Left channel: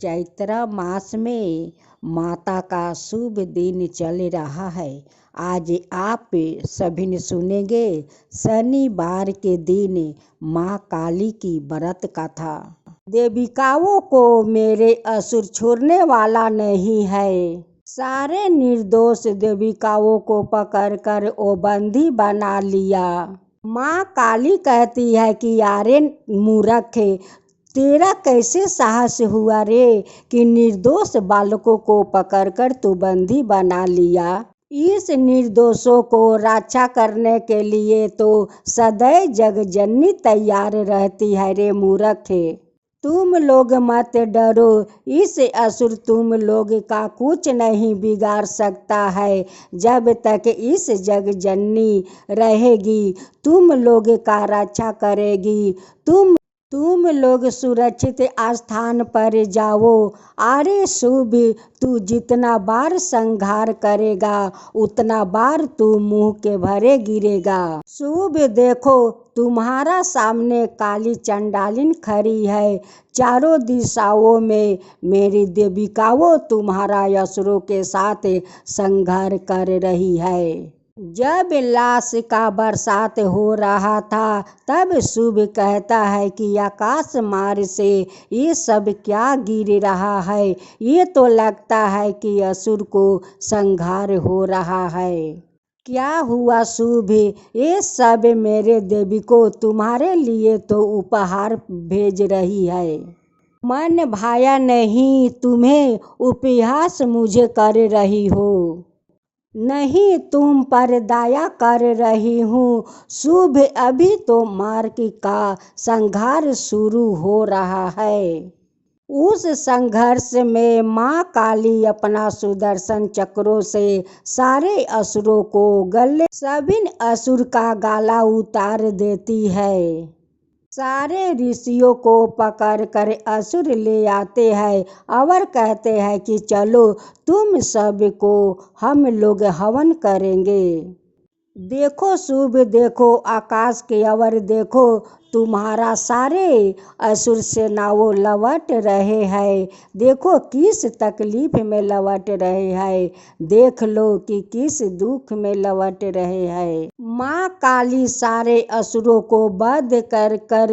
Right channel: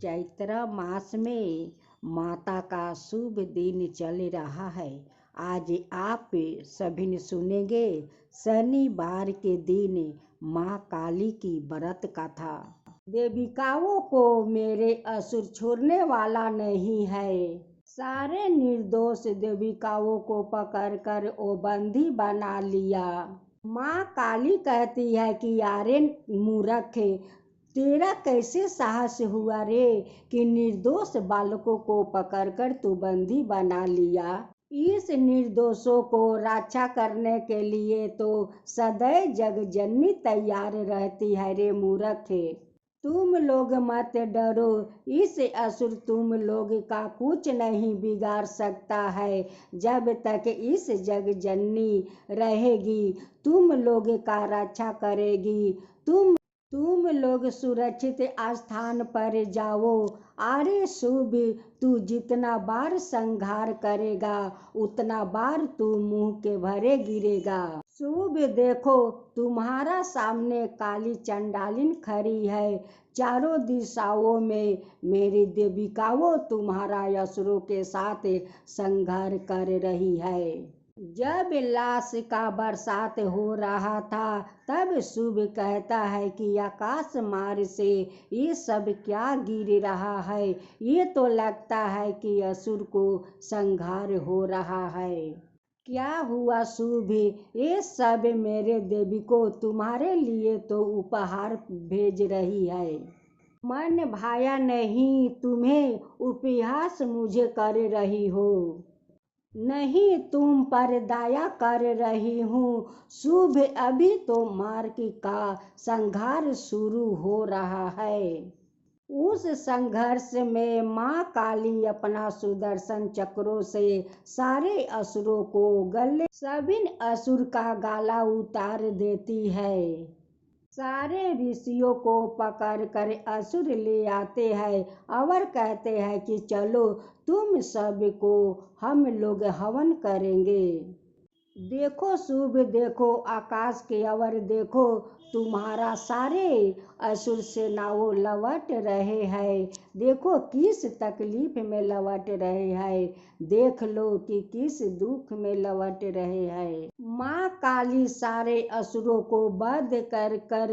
चैत्र मास में माता का शुभ दिन चल रहा है। आज आप सभी ने सुनेंगे शनिवार के दिन माँ काली की व्रत कथा। देविकाओं को मेरे असुर छोड़ने वाला नहीं है। सारे निर्दोष देविकाओं को पकड़कर वो बंदी बना लिया। माँ काली कहती है कि यारे मूर्ख, तेरा कैसे साहस हुआ रे कि निर्दोष बालकों को पकड़कर तू बंदी बना लिया। इस निर्दोषों को रक्षा करने के लिए तो सदैव जगजननी तैयार रहती है रे मूर्ख। तुम लोग मत डरो, इस असुर तुम लोग का कुछ नहीं बिगाड़ सकता है। जब तक इस जगजननी रहेगी तुम लोग का रक्षा करेगी। तुम लोग सुरक्षित स्थान पर जाओ। अरे शुभ, तू जितना बार संहार करेगा उतना बार तू मुंह के भरे गिरेगा। शुभ देखो, तुम्हारा सामने काली चंडालिन खड़ी है। चारों दिशाओं में मेरी देविकाओं तुम्हारा असुरों के साथ संहार कर रही है। जब लाश का बरसात हो रहा था तब शुभ कहता है कि आकाश मार्ग से ये सब क्या गिर रहा है। ये तो लगता है कि असुर को संहार हो रहा है। क्या हुआ शुभ? ये सब मेरे देवी को तुम्हारे लिए तो उपहार भेज रही है। मन भाया नहीं तुम्हें, उपहास मुझे कर रही हो। नहीं, तुम पर दया कर रही हूँ। शुभ, अभी तो मार्ग का संघर्ष शुरू हो रहा है। उस संघर्ष में माँ काली अपना सुदर्शन चक्रों से सारे असुरों को गले सभी असुर का गला उतार देती है। सारे ऋषियों को पकड़ कर असुर ले आते हैं और कहते हैं कि चलो तुम सब को हम लोग हवन करेंगे। देखो शुभ, देखो आकाश के ओर देखो, तुम्हारा सारे असुर सेनाओं लौट रहे हैं। देखो किस तकलीफ में लौट रहे हैं, देख लो कि किस दुख में लौट रहे हैं। माँ काली सारे असुरों को वध कर कर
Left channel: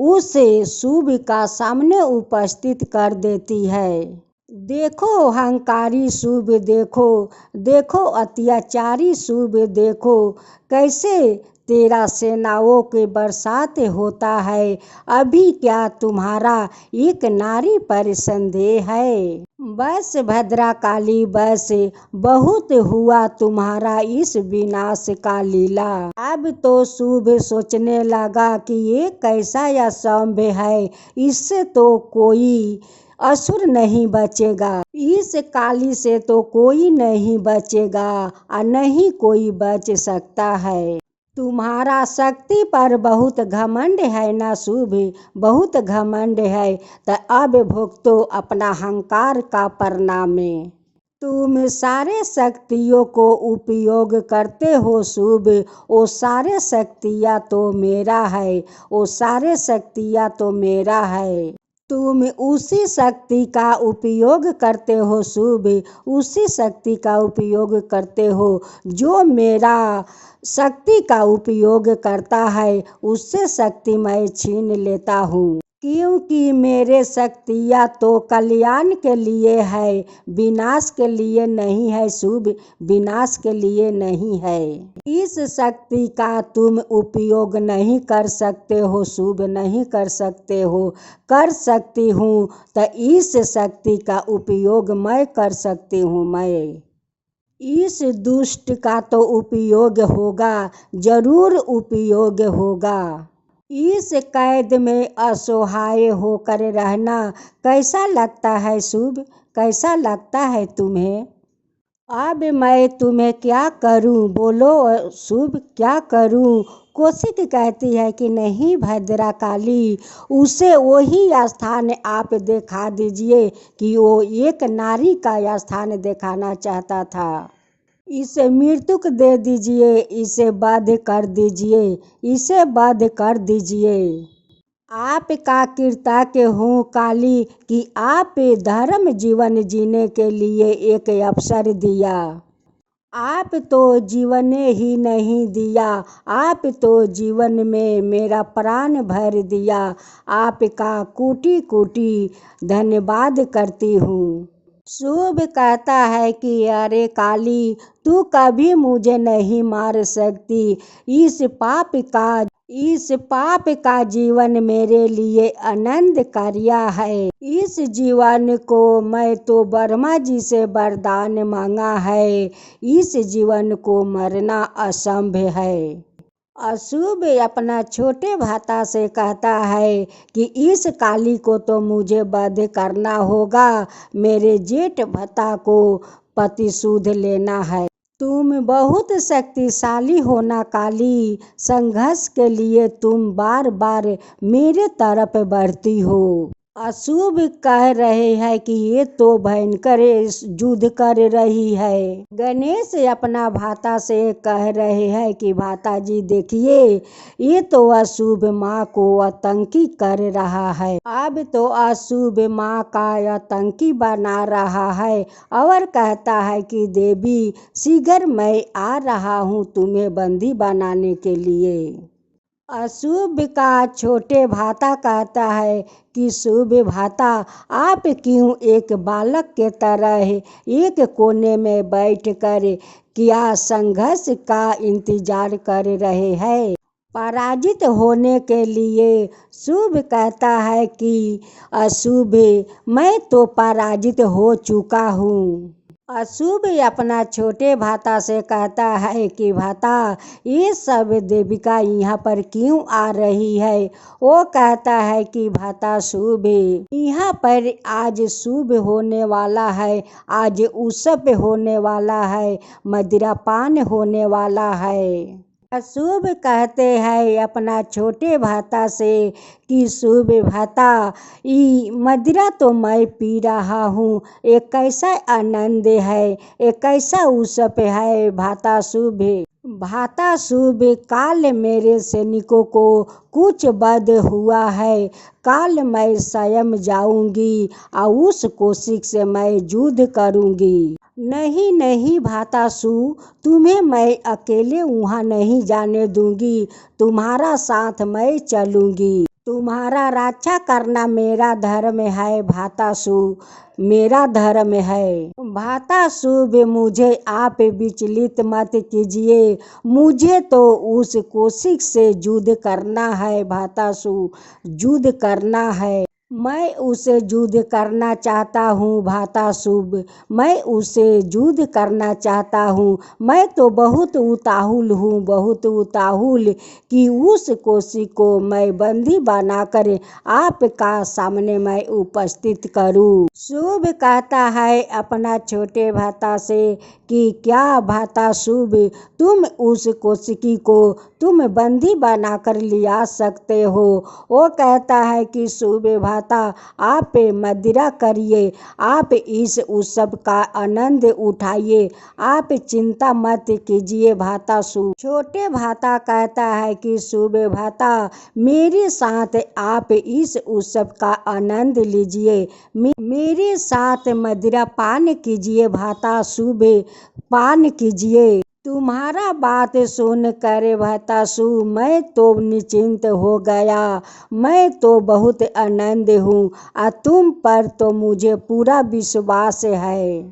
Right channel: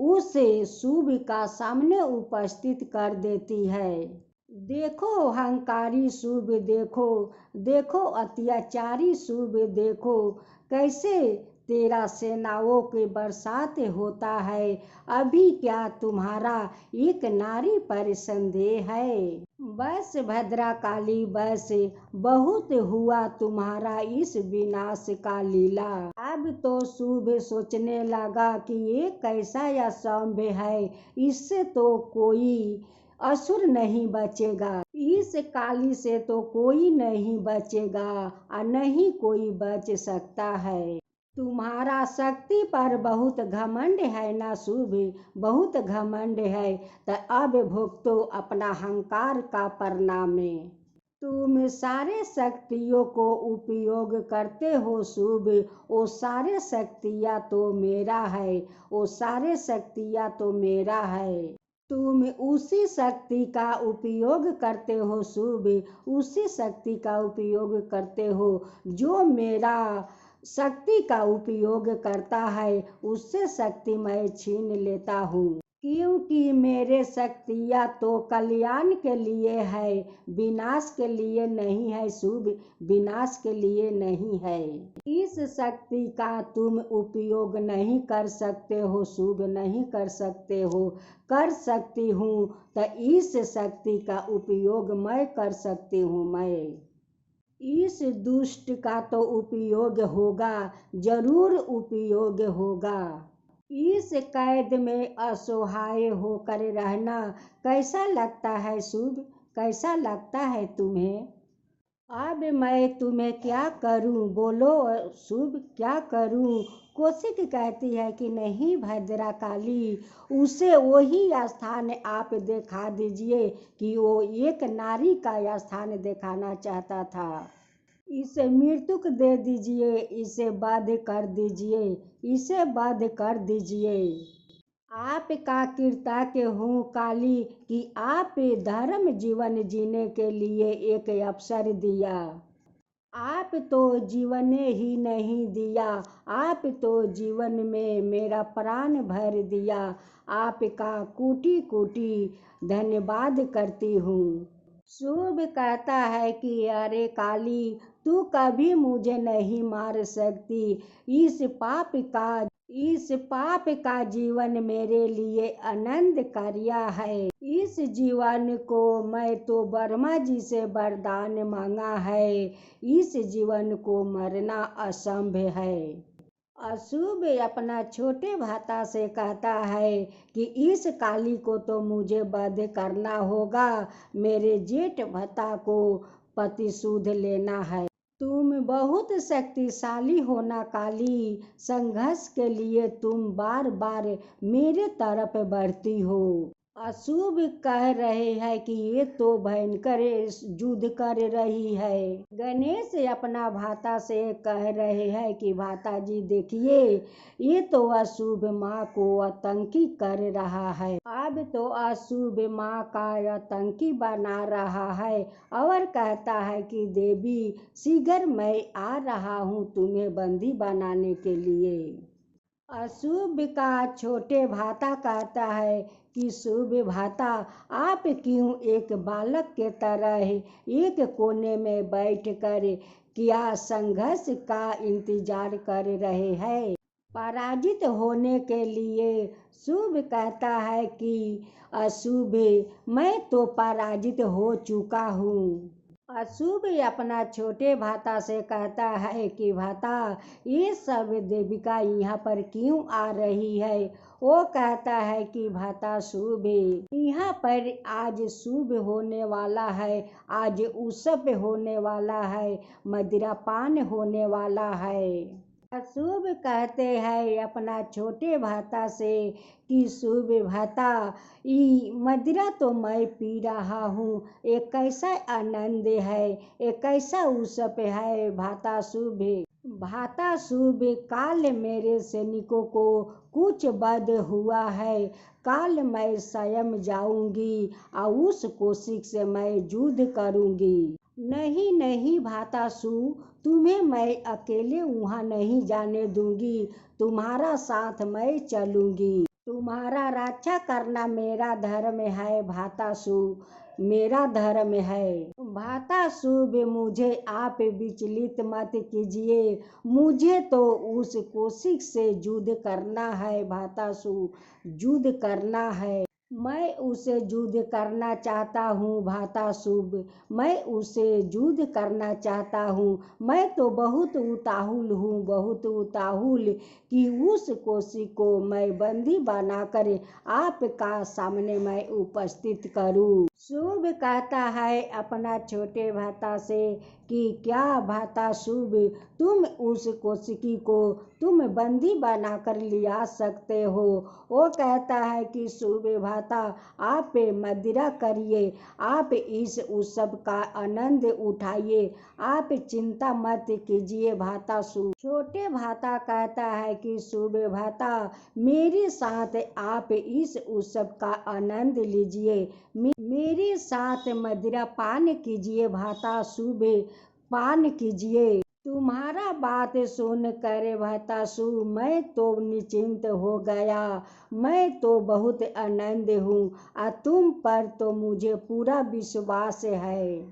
उसे शुभ का सामने उपस्थित कर देती है। देखो अहंकारी शुभ, देखो देखो अत्याचारी शुभ, देखो कैसे तेरा सेनाओं के बरसात होता है। अभी क्या तुम्हारा एक नारी पर संदेह है? बस भद्रा काली, बस बहुत हुआ तुम्हारा इस विनाश का लीला। अब तो शुभ सोचने लगा कि ये कैसा असंभव है, इससे तो कोई असुर नहीं बचेगा। इस काली से तो कोई नहीं बचेगा और नहीं कोई बच सकता है। तुम्हारा शक्ति पर बहुत घमंड है ना शुभ, बहुत घमंड है। तो अब भुगतो अपना अहंकार का परिणाम। तुम सारे शक्तियों को उपयोग करते हो शुभ, वो सारे शक्तियाँ तो मेरा है, वो सारे शक्तियाँ तो मेरा है। तुम उसी शक्ति का उपयोग करते हो शुभ, उसी शक्ति का उपयोग करते हो जो मेरा शक्ति का उपयोग करता है, उससे शक्ति मैं छीन लेता हूँ। क्योंकि मेरे शक्तियाँ तो कल्याण के लिए है, विनाश के लिए नहीं है शुभ, विनाश के लिए नहीं है। इस शक्ति का तुम उपयोग नहीं कर सकते हो शुभ, नहीं कर सकते हो। कर सकती हूँ तो इस शक्ति का उपयोग मैं कर सकती हूँ। मैं इस दुष्ट का तो उपयोग होगा, जरूर उपयोग होगा। इस कैद में असहाय होकर रहना कैसा लगता है शुभ, कैसा लगता है तुम्हें? अब मैं तुम्हें क्या करूं, बोलो शुभ, क्या करूं? कौशिक कहती है कि नहीं भद्रा काली, उसे वही स्थान आप दिखा दीजिए कि वो एक नारी का स्थान दिखाना चाहता था। इसे मृत्युक दे दीजिए, इसे वध कर दीजिए, इसे वध कर दीजिए। आपका कृतज्ञ हूँ काली कि आप धर्म जीवन जीने के लिए एक अवसर दिया। आप तो जीवन ही नहीं दिया, आप तो जीवन में मेरा प्राण भर दिया। आपका कोटि कोटि धन्यवाद करती हूँ। शुभ कहता है कि अरे काली, तू कभी मुझे नहीं मार सकती। इस पाप का जीवन मेरे लिए आनंद कार्य है। इस जीवन को मैं तो ब्रह्मा जी से वरदान मांगा है। इस जीवन को मरना असंभव है। अशुभ अपना छोटे भ्राता से कहता है कि इस काली को तो मुझे वध करना होगा। मेरे जेठ भ्राता को प्रतिशोध लेना है। तुम बहुत शक्तिशाली हो ना काली, संघर्ष के लिए तुम बार बार मेरे तरफ बढ़ती हो। अशुभ कह रहे हैं कि ये तो भयंकर युद्ध कर रही है। गणेश अपना भ्राता से कह रहे हैं कि भ्राता जी देखिए, ये तो अशुभ माँ को आतंकी कर रहा है। अब तो अशुभ माँ का आतंकी बना रहा है और कहता है कि देवी शीघ्र मैं आ रहा हूँ तुम्हें बंदी बनाने के लिए। अशुभ का छोटे भ्राता कहता है कि शुभ भ्राता, आप क्यों एक बालक के तरह एक कोने में बैठकर क्या संघर्ष का इंतजार कर रहे हैं, पराजित होने के लिए। शुभ कहता है कि अशुभ, मैं तो पराजित हो चुका हूँ। अशुभ अपना छोटे भ्राता से कहता है कि भ्राता, ये सब देविका यहाँ पर क्यों आ रही है। वो कहता है कि भ्राता शुभ, यहाँ पर आज शुभ होने वाला है, आज उत्सव होने वाला है, मदिरापान होने वाला है। अशुभ कहते हैं अपना छोटे भ्राता से कि शुभ भ्राता, ये मदिरा तो मैं पी रहा हूँ, एक कैसा आनंद है, एक कैसा उत्सव है। भ्राता शुभ, काल मेरे सैनिकों को कुछ वध हुआ है। काल मैं स्वयं जाऊंगी और उस कोशिश से मैं युद्ध करूंगी। नहीं नहीं भ्रातासु, तुम्हें मैं अकेले वहाँ नहीं जाने दूंगी, तुम्हारा साथ मैं चलूंगी। तुम्हारा रक्षा करना मेरा धर्म है भ्रातासु, मेरा धर्म है। भ्रातासु, मुझे आप विचलित मत कीजिए, मुझे तो उस कोशिश से युद्ध करना है भ्रातासु, युद्ध करना है। मैं उसे युद्ध करना चाहता हूँ भ्रातासु, मैं उसे युद्ध करना चाहता हूँ। मैं तो बहुत उताहुल हूँ, बहुत उताहुल कि उस कोशिश को मैं बंदी बनाकर आपका सामने मैं उपस्थित करूँ। शुभ कहता है अपना छोटे भ्राता से कि क्या भ्रातासु, तुम उस कोशिकी को तुम बंदी बनाकर लिया सकते हो। वो कहता है कि शुभ भ्राता, आप मदिरा करिए, आप इस उत्सव का आनंद उठाइए, आप चिंता मत कीजिए भ्रातासु। छोटे भ्राता कहता है कि शुभ भ्राता, मेरे साथ आप इस उत्सव का आनंद लीजिए, मेरे साथ मदिरा पान कीजिए भ्रातासु, पान कीजिए। तुम्हारा बात सुनकर भ्रातासु मैं तो निश्चिंत हो गया, मैं तो बहुत आनंद हूँ और तुम पर तो मुझे पूरा विश्वास है।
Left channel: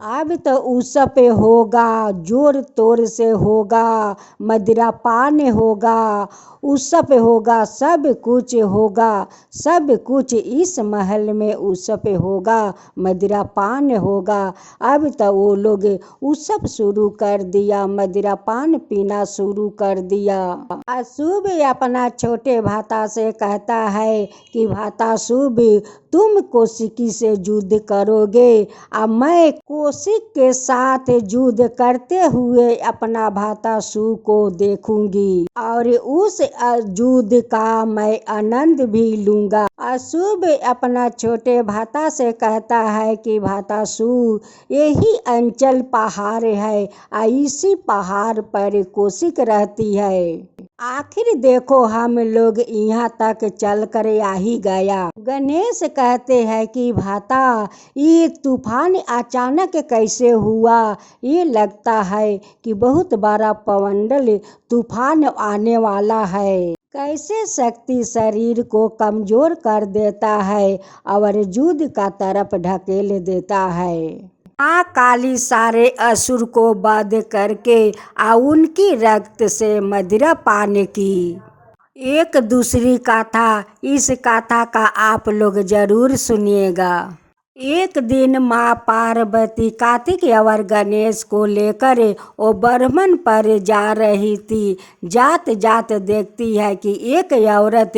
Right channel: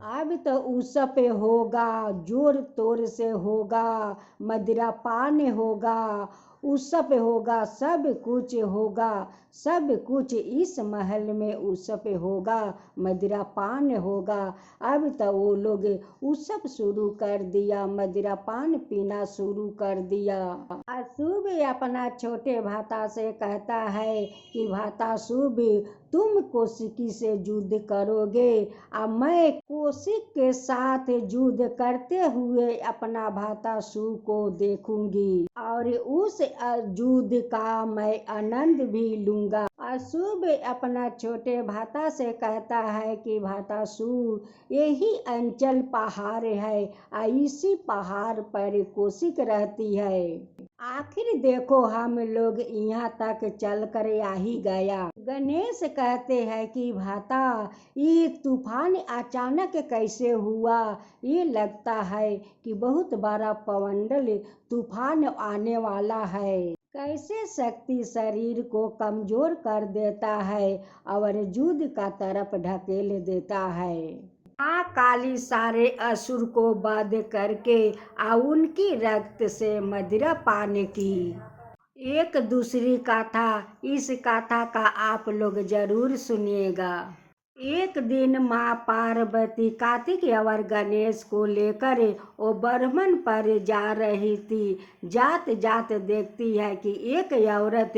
अब तो उत्सव होगा, जोर तोर से होगा, मदिरापान होगा, उत्सव होगा, सब कुछ होगा, सब कुछ इस महल में उत्सव होगा, मदिरापान होगा। अब तो वो लोग उत्सव शुरू कर दिया, मदिरापान पीना शुरू कर दिया। अशुभ अपना छोटे भ्राता से कहता है कि भ्रातासु, तुम कौशिकी से युद्ध करोगे और मैं कौशिक के साथ युद्ध करते हुए अपना भ्रातासु को देखूंगी और उस युद्ध का मैं आनंद भी लूंगा। अशुभ अपना छोटे भ्राता से कहता है कि भ्रातासु, यही अंचल पहाड़ है और इसी पहाड़ पर कौशिक रहती है। आखिर देखो हम लोग यहाँ तक चल कर आ ही गया। गणेश कहते हैं कि भाता ये तूफान अचानक कैसे हुआ। ये लगता है कि बहुत बड़ा पवंडल तूफान आने वाला है। कैसे शक्ति शरीर को कमजोर कर देता है और युद्ध का तरफ ढकेल देता है। माँ काली सारे असुर को वध करके उनकी रक्त से मदिरा पान की। एक दूसरी गाथा, इस गाथा का आप लोग जरूर सुनिएगा। एक दिन माँ पार्वती कार्तिक और गणेश को लेकर वो ब्रह्मन पर जा रही थी। जात जात देखती है कि एक औरत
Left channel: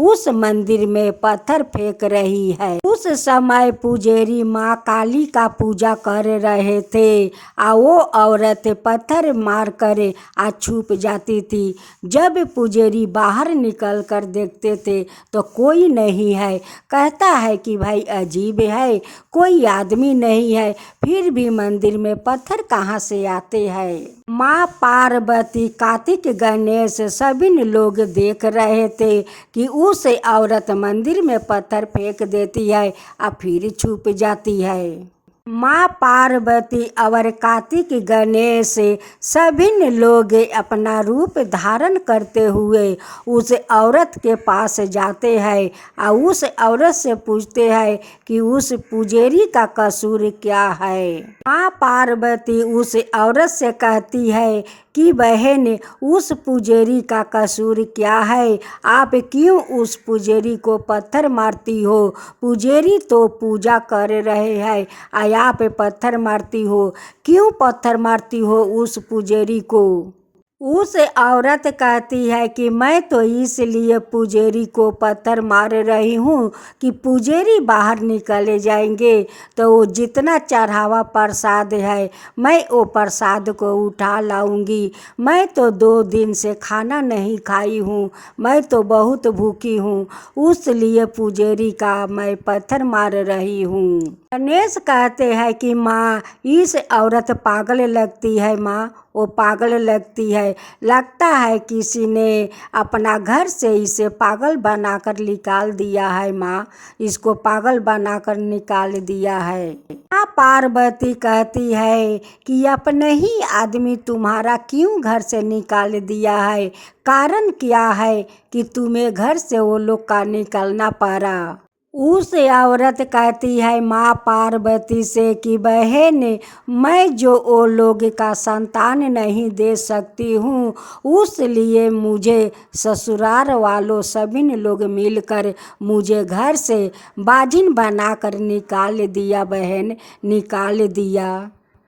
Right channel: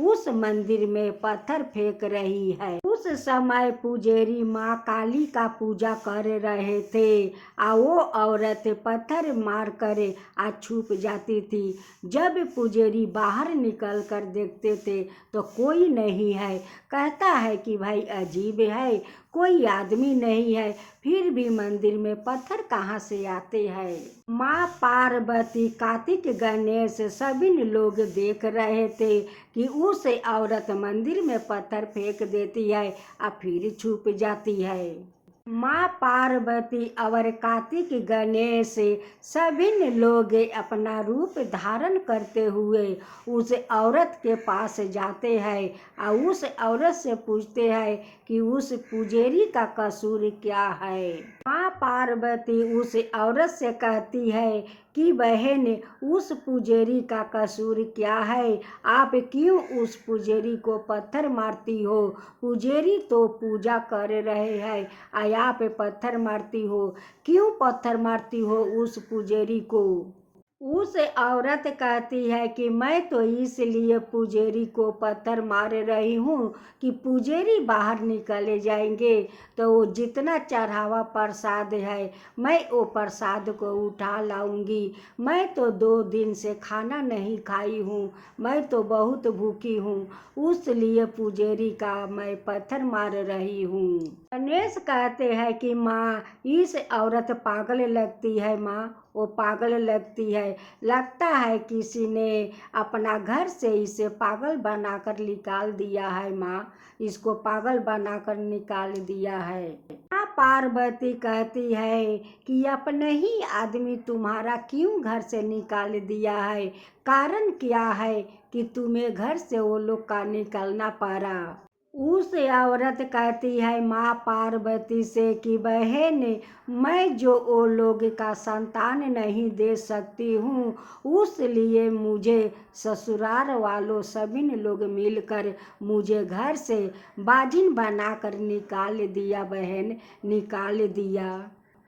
उस मंदिर में पत्थर फेंक रही है। उस समय पुजारी माँ काली का पूजा कर रहे थे। वो औरत पत्थर मार कर छुप जाती थी। जब पुजारी बाहर निकल कर देखते थे तो कोई नहीं है। कहता है कि भाई अजीब है, कोई आदमी नहीं है, फिर भी मंदिर में पत्थर कहाँ से आते हैं। माँ पार्वती कार्तिक गणेश सभी लोग देख रहे थे कि उस औरत मंदिर में पत्थर फेंक देती है और फिर छुप जाती है। माँ पार्वती और कार्तिक गणेश सभी लोग अपना रूप धारण करते हुए उस औरत के पास जाते हैं और उस औरत से पूछते हैं कि उस पुजारी का कसूर क्या है। माँ पार्वती उस औरत से कहती है कि बहन, उस पुजारी का कसूर क्या है? आप क्यों उस पुजारी को पत्थर मारती हो? पुजारी तो पूजा कर रहे हैं और आप पत्थर मारती हो। क्यों पत्थर मारती हो उस पुजारी को? उस औरत कहती है कि मैं तो इसलिए पुजारी को पत्थर मार रही हूँ कि पुजारी बाहर निकले जाएंगे तो वो जितना चढ़ावा प्रसाद है मैं वो प्रसाद को उठा लाऊंगी। मैं तो 2 दिन से खाना नहीं खाई हूँ, मैं तो बहुत भूखी हूँ, उसलिए पुजारी का मैं पत्थर मार रही हूँ। गणेश कहते हैं कि माँ इस औरत पागल लगती है। माँ वो पागल लगती है, लगता है किसी ने अपना घर से इसे पागल बनाकर निकाल दिया है। माँ इसको पागल बनाकर निकाल दिया है। माँ पार्वती कहती है कि अपने ही आदमी तुम्हारा क्यों घर से निकाल दिया है? कारण क्या है कि तुम्हें घर से वो लोग का निकलना पड़ा? उस औरत कहती है माँ पार्वती से कि बहन, मैं जो वो लोग का संतान नहीं दे सकती हूँ उसलिए मुझे ससुराल वालों सभी लोग मिलकर मुझे घर से बाजिन बनाकर निकाल दिया। बहन निकाल दिया।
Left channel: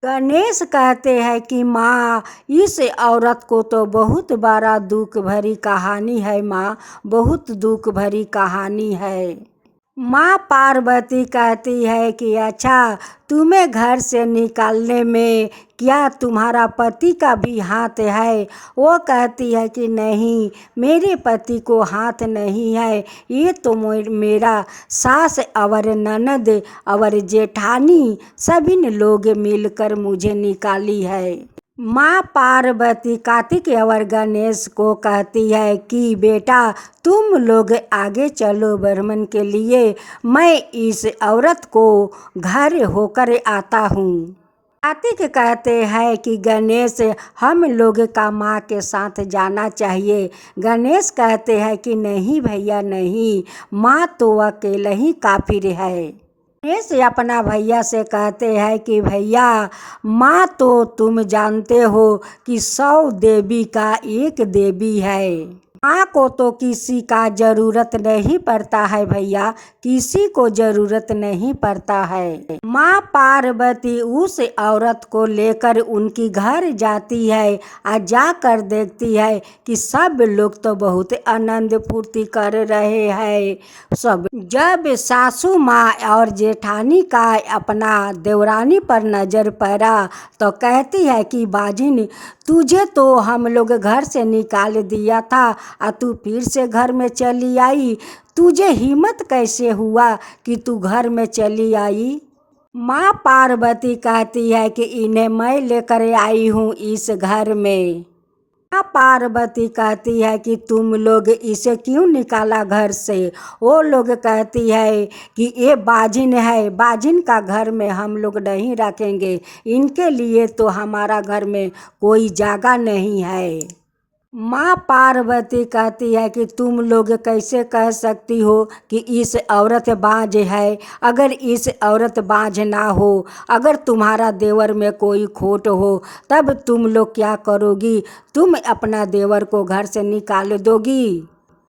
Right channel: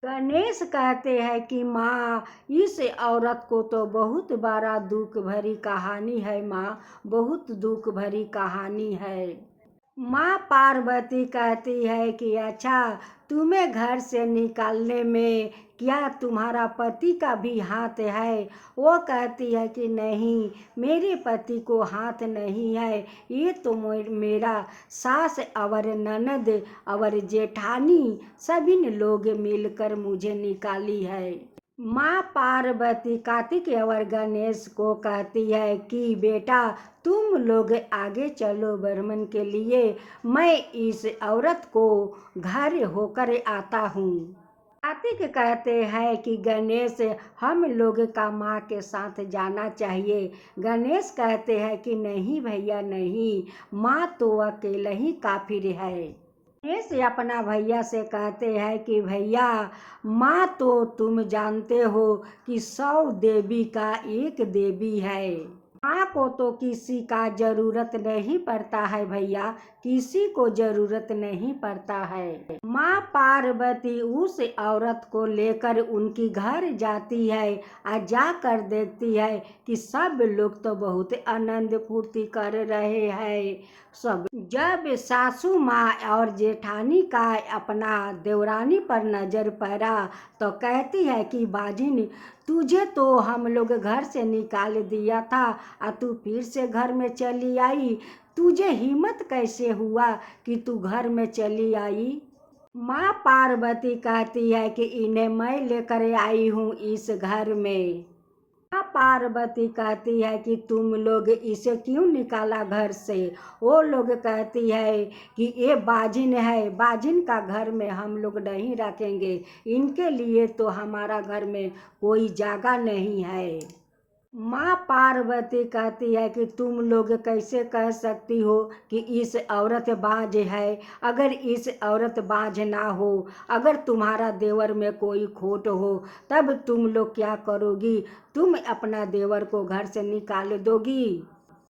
गणेश कहते हैं कि माँ इस औरत को तो बहुत बड़ा दुख भरी कहानी है। माँ बहुत दुख भरी कहानी है। माँ पार्वती कहती है कि अच्छा, तुम्हें घर से निकालने में क्या तुम्हारा पति का भी हाथ है? वो कहती है कि नहीं, मेरे पति को हाथ नहीं है, ये तो मेरा सास और ननद और जेठानी सभी लोग मिलकर मुझे निकाली है। माँ पार्वती कार्तिक और गणेश को कहती है कि बेटा तुम लोग आगे चलो ब्राह्मण के लिए, मैं इस औरत को घर होकर आता हूँ। कार्तिक कहते हैं कि गणेश हम लोग का माँ के साथ जाना चाहिए। गणेश कहते हैं कि नहीं भैया नहीं, माँ तो अकेले ही काफिर है। गणेश अपना भैया से कहते हैं कि भैया माँ तो तुम जानते हो कि 100 देवी का एक देवी है। माँ को तो किसी का जरूरत नहीं पड़ता है भैया, किसी को जरूरत नहीं पड़ता है। माँ पार्वती उस औरत को लेकर उनकी घर जाती है और जाकर देखती है कि सब लोग तो बहुत आनंद फूर्ति कर रहे हैं। सब जब सासू माँ और जेठानी का अपना देवरानी पर नजर पड़ा तो कहती है कि बाजिन, तुझे तो हम लोग घर से निकाल दिया था और तू फिर से घर में चली आई, तुझे हिम्मत कैसे हुआ कि तू घर में चली आई? माँ पार्वती कहती है कि इन्हें मैं लेकर आई हूँ इस घर में। माँ पार्वती कहती है कि तुम लोग इसे क्यों निकाला घर से। वो लोग कहती है कि ये बाजिन है, बाजिन का घर में हम लोग नहीं रखेंगे, इनके लिए तो हमारा घर में कोई जगह नहीं है। माँ पार्वती कहती है कि तुम लोग कैसे कह सकती हो कि इस औरत बाज है। अगर इस औरत बाज ना हो, अगर तुम्हारा देवर में कोई खोट हो, तब तुम लोग क्या करोगी? तुम अपना देवर को घर से निकाल दोगी।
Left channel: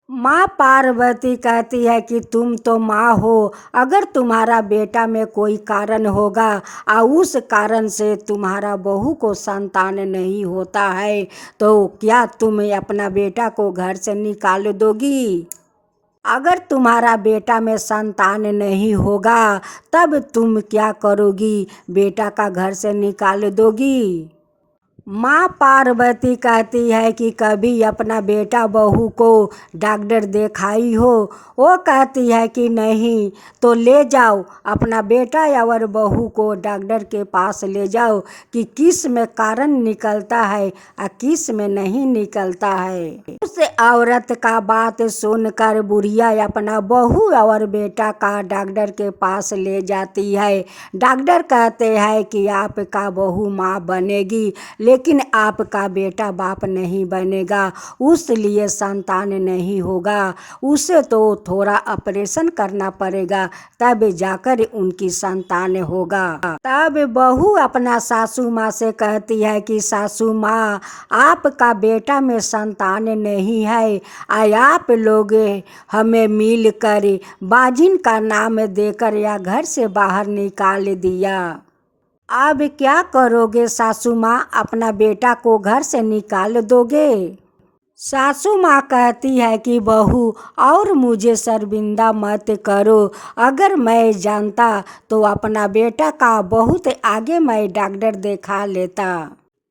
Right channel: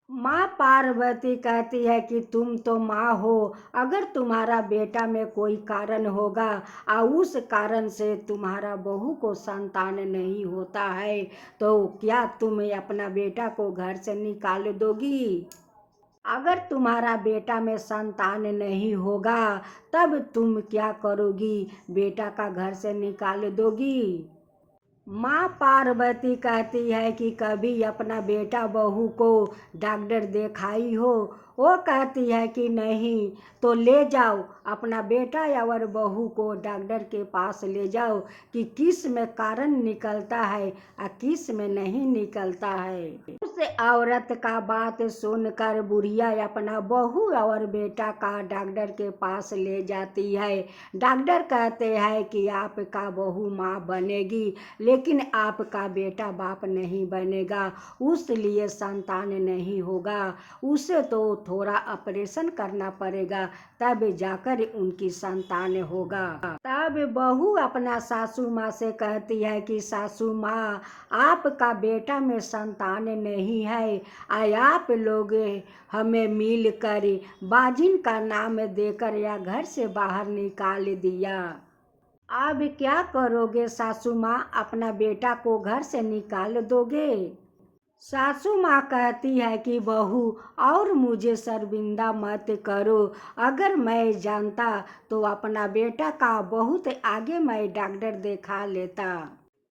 माँ पार्वती कहती है कि तुम तो माँ हो, अगर तुम्हारा बेटा में कोई कारण होगा और उस कारण से तुम्हारा बहू को संतान नहीं होता है, तो क्या तुम अपना बेटा को घर से निकाल दोगी? अगर तुम्हारा बेटा में संतान नहीं होगा, तब तुम क्या करोगी? बेटा का घर से निकाल दोगी। माँ पार्वती कहती है कि कभी अपना बेटा बहू को डॉक्टर दिखाई हो। वो कहती है कि नहीं, तो ले जाओ अपना बेटा और बहू को डॉक्टर के पास ले जाओ कि किस में कारण निकलता है और किस में नहीं निकलता है। उस औरत का बात सुनकर बुढ़िया अपना बहू और बेटा का डॉक्टर के पास ले जाती है। डॉक्टर कहते हैं कि आपका बहू माँ बनेगी, लेकिन आपका बेटा बाप नहीं बनेगा, उसलिए संतान नहीं होगा, उसे तो थोड़ा ऑपरेशन करना पड़ेगा, तब जाकर उनकी संतान होगा। तब बहू अपना सासू माँ से कहती है कि सासू माँ, आपका बेटा में संतान नहीं है, आप लोग हमें मिल कर बाजिन का नाम देकर या घर से बाहर निकाल दिया। अब क्या करोगे सासू माँ? अपना बेटा को घर से निकाल दोगे? सासू माँ कहती है कि बहू, और मुझे शर्मिंदा मत करो, अगर मैं जानता तो अपना बेटा का बहुत आगे मैं डॉक्टर दिखा लेता,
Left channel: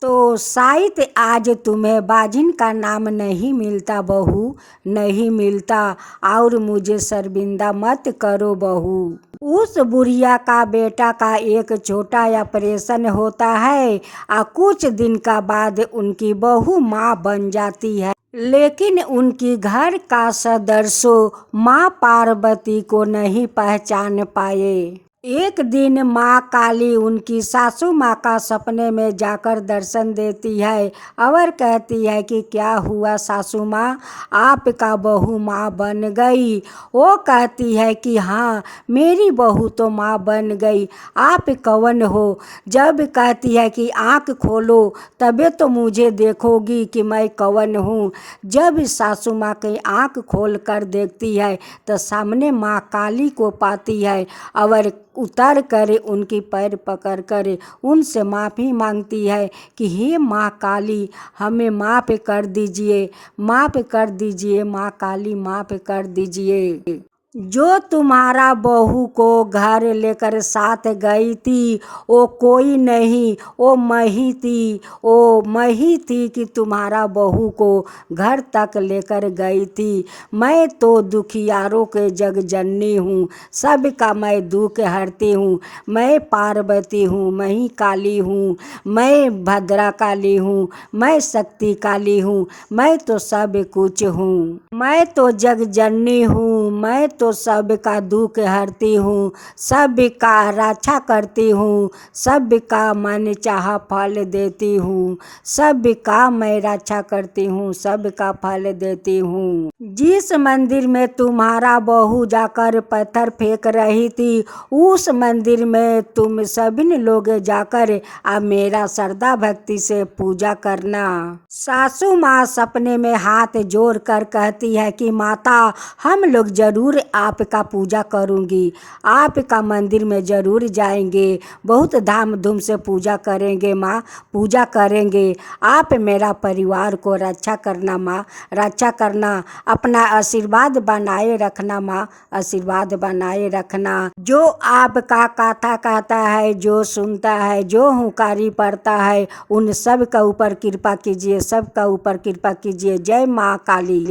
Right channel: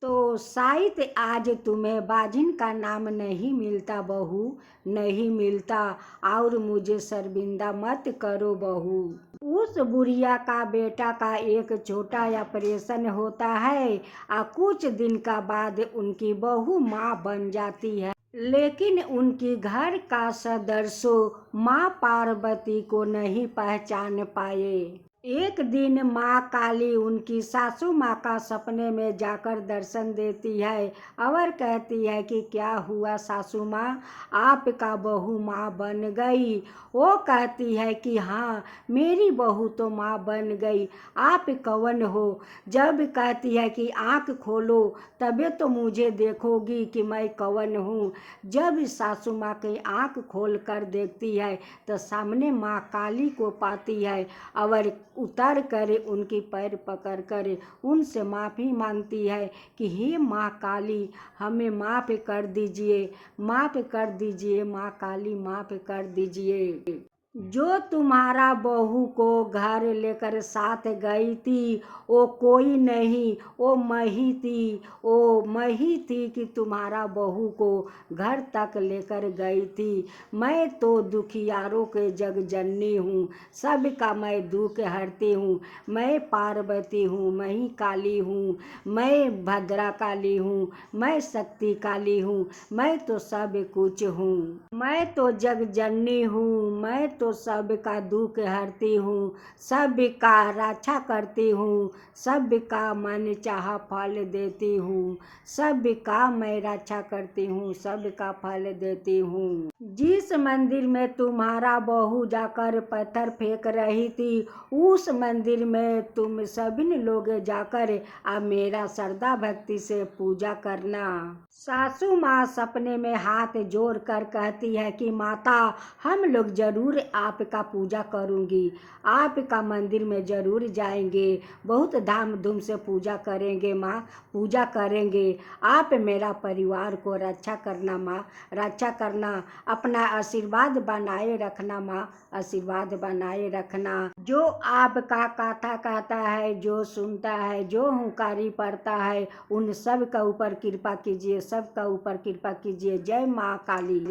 तो शायद आज तुम्हें बाजिन का नाम नहीं मिलता बहू, नहीं मिलता, और मुझे शर्मिंदा मत करो बहू। उस बुढ़िया का बेटा का एक छोटा ऑपरेशन होता है और कुछ दिन का बाद उनकी बहू माँ बन जाती है, लेकिन उनकी घर का सदस्य माँ पार्वती को नहीं पहचान पाए। एक दिन माँ काली उनकी सासू माँ का सपने में जाकर दर्शन देती है और कहती है कि क्या हुआ सासू माँ, आपका बहू माँ बन गई। वो कहती है कि हाँ, मेरी बहू तो माँ बन गई, आप कौन हो? जब कहती है कि आँख खोलो तबे तो मुझे देखोगी कि मैं कौन हूँ। जब सासू माँ की आँख खोल कर देखती है तो सामने माँ काली को पाती है और उतर कर उनकी पैर पकड़ कर उनसे माफ़ी मांगती है कि हे माँ काली, हमें माफ़ कर दीजिए, माफ़ कर दीजिए माँ काली, माफ़ कर दीजिए। जो तुम्हारा बहू को घर लेकर साथ गई थी वो कोई नहीं, वो मही थी, वो मही थी कि तुम्हारा बहू को घर तक लेकर गई थी। मैं तो दुखियारों के जग जननी हूँ, सबका मैं दुख हरती हूँ। मैं पार्वती हूँ, मही काली हूँ, मैं भद्रा काली हूँ, मैं शक्ति काली हूँ, मैं तो सब कुछ हूँ। मैं तो जग जननी हूँ, मैं तो सबका दुख हरती हूँ, सबका रक्षा करती हूँ, सबका मन चाहा फल देती हूँ, सबका मैं रक्षा करती हूँ, सबका फल देती हूँ। जिस मंदिर में तुम्हारा बहू जाकर पत्थर फेंक रही थी, उस मंदिर में तुम सभी लोग जाकर अब मेरा श्रद्धा भक्ति से पूजा करना। सासू माँ सपने में हाथ जोड़ कर कहती है कि माता, हम लोग जरूर आपका पूजा करूँगी, आपका मंदिर में ज़रूर जाएंगे, बहुत धाम धूम से पूजा करेंगे माँ, पूजा करेंगे। आप मेरा परिवार को रक्षा करना माँ, रक्षा करना, अपना आशीर्वाद बनाए रखना माँ, आशीर्वाद बनाए रखना। जो आपका कथा कहता है, जो सुनता है, जो हुंकारी पड़ता है, उन सब का ऊपर कृपा कीजिए, सब का ऊपर कृपा कीजिए। जय माँ काली।